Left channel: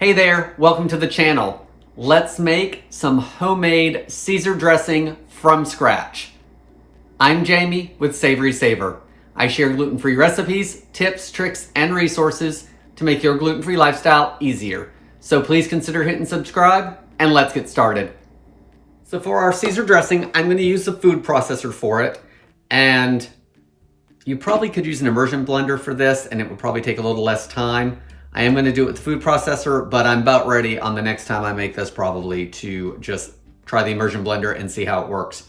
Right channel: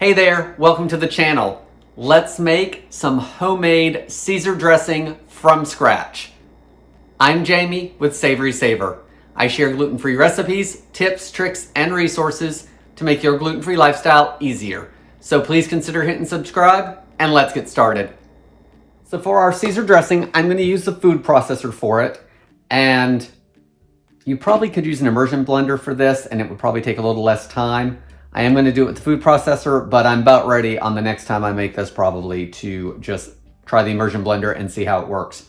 Hey there, welcome to the channel. Let's make some homemade Caesar dressing from scratch. I'm Jamie with SavorySaver. I share gluten-free recipes, tips, tricks, and resources to make your gluten-free lifestyle easier. So please consider hitting subscribe and let's get started. So for our Caesar dressing, I'm going to use the food processor for it. And you probably could use an immersion blender for this and it would probably take a little less time. I am going to do it with the food processor, but I'm about ready on the next time I make this probably to just try the immersion blender and see how it works.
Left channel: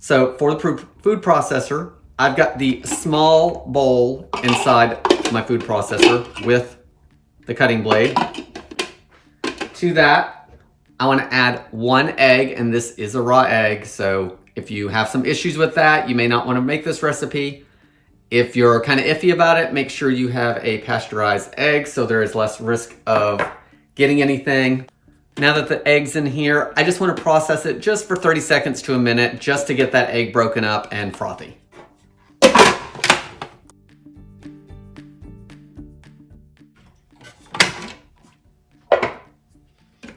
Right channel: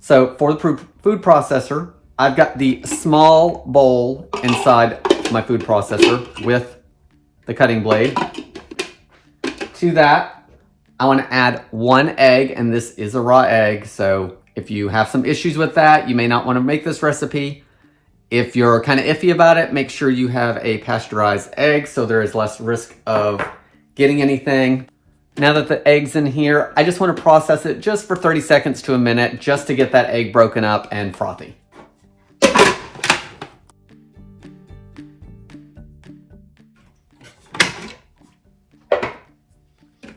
So for the food processor, I've got the small bowl inside my food processor with the cutting blade. To that, I want to add 1 egg, and this is a raw egg, so if you have some issues with that, you may not want to make this recipe. If you're kind of iffy about it, make sure you have a pasteurized egg so there is less risk of getting anything. Now that the egg's in here, I just want to process it just for 30 seconds to a minute just to get that egg broken up and frothy.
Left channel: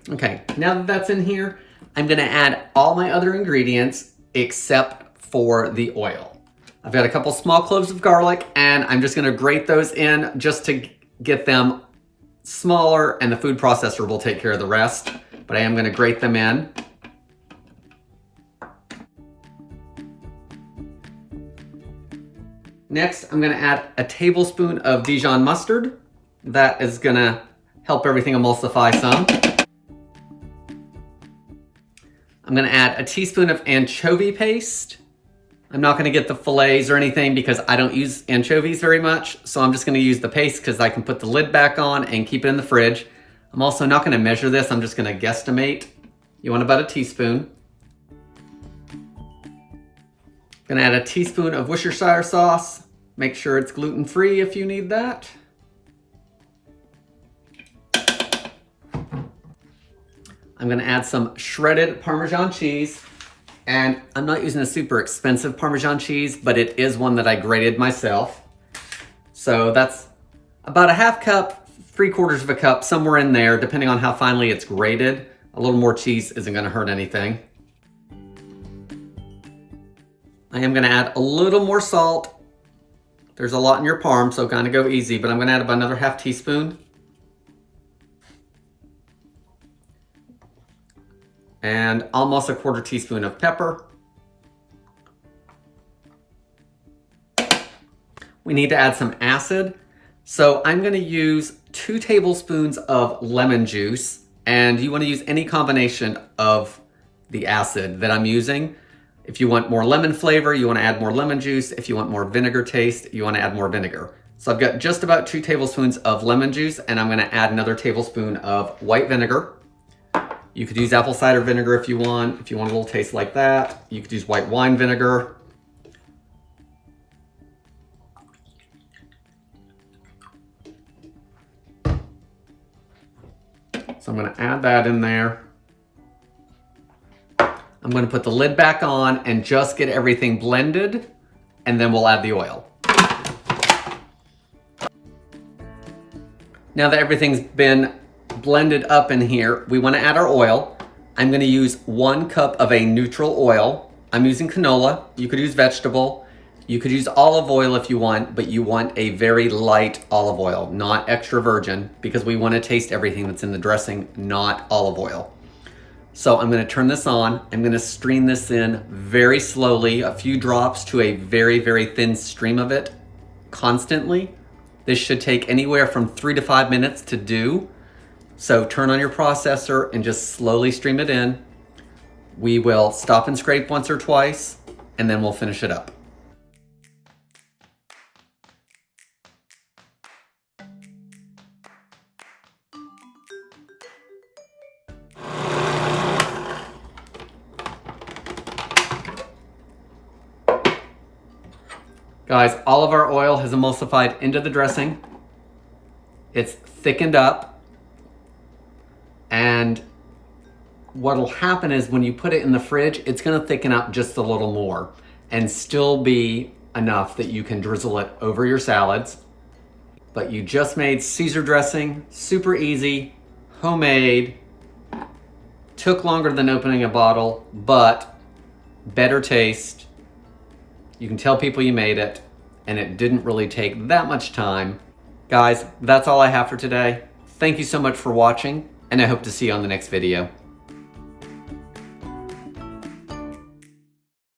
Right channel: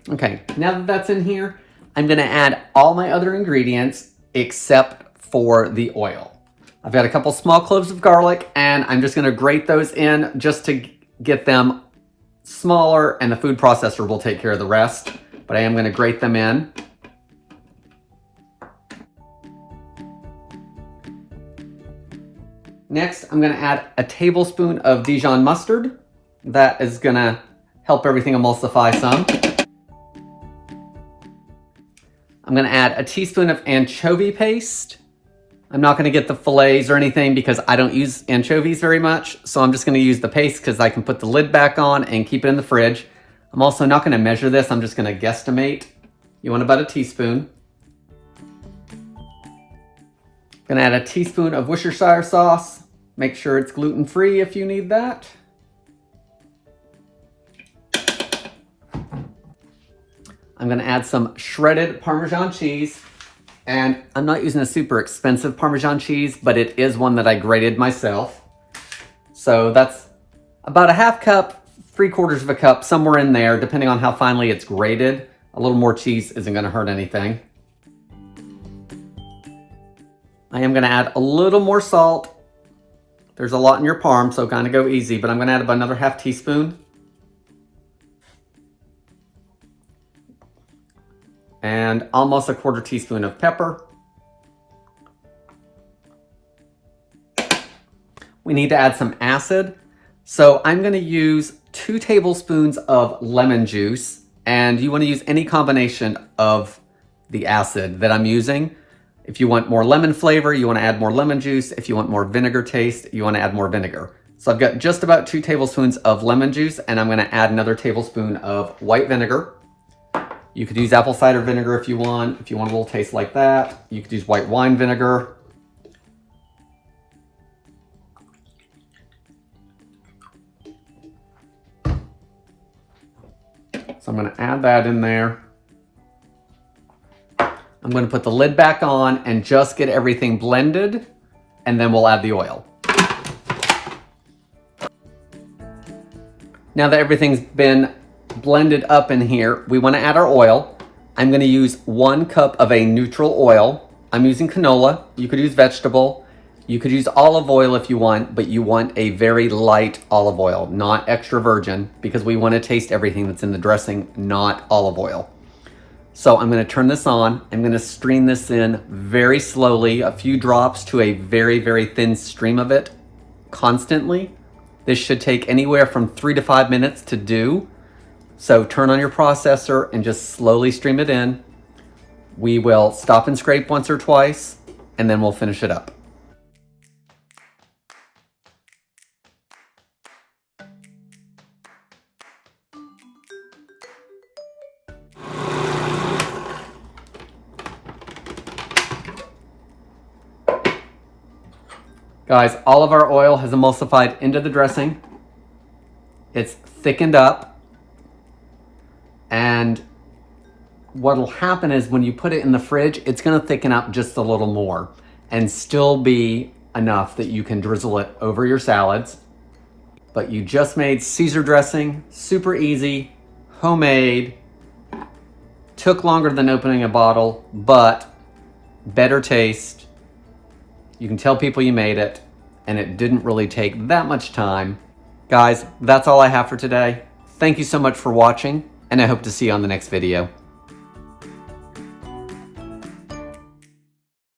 Okay, now that that's in here, I'm going to add all my other ingredients except for the oil. I've got a couple small cloves of garlic and I'm just going to grate those in just to get them smaller, and the food processor will take care of the rest, but I am going to grate them in. Next, I'm going to add a tablespoon of Dijon Mustard. That is going to help everything emulsify some. I'm going to add a teaspoon of anchovy paste. I'm not going to get the fillets or anything because I don't use anchovies very much, so I'm just going to use the paste because I can put the lid back on and keep it in the fridge. I'm also not going to measure this, I'm just going to guesstimate. You want about a teaspoon. I'm going to add a teaspoon of Worcestershire Sauce. Make sure it's gluten-free if you need that. I'm going to add some shredded Parmesan cheese. And I'm not using a super expensive Parmesan cheese, but it is one that I grated myself. So that's about a half cup, 3/4 of a cup, somewhere in there, depending on how finely it's grated. A little more cheese isn't going to hurt anything. I am going to add a little more salt. There's a lot in your parm, so kind of go easy, but I'm going to add about another half teaspoon. And almost a 1/4 teaspoon of pepper. We need to add some acid. So I'm going to use 2 tablespoons of lemon juice, and you want to use any combination of the acid that I'm using. If you want more lemon flavor, you want to add more lemon juice. If you want more vinegar taste, you want to add more vinegar. So I've got just about 2 tablespoons of lemon juice, and I'm going to add another tablespoon of white vinegar. You could use apple cider vinegar if you want a little taste like that. You could use white wine vinegar. So I'm going to add that in there. I'm going to put the lid back on and just get everything blended, and then we'll add the oil. Now that everything's been blended up in here, we want to add our oil. I'm going to use 1 cup of a neutral oil. I'm using canola. You could use vegetable. You could use olive oil if you want, but you want a very light olive oil, not extra virgin, because we want to taste everything that's in the dressing, not olive oil. So I'm going to turn this on. I'm going to stream this in very slowly, a few drops to a very, very thin stream of it constantly. This should take anywhere from 3 to 5 minutes to do. So turn on your processor and just slowly stream it in. We will stop and scrape once or twice, and then we'll finish it up. Guys, all of our oil has emulsified into the dressing. It's thickened up. And what'll happen is when you put it in the fridge, it's going to thicken up just a little more and still be enough that you can drizzle it over your salads. But you just made Caesar dressing, super easy, homemade, took longer than opening a bottle, but better taste. You can tell people you made it, and it didn't really take that much time. Guys, that's all I have for today. Thank you so much for watching, and I hope to see you on the next video.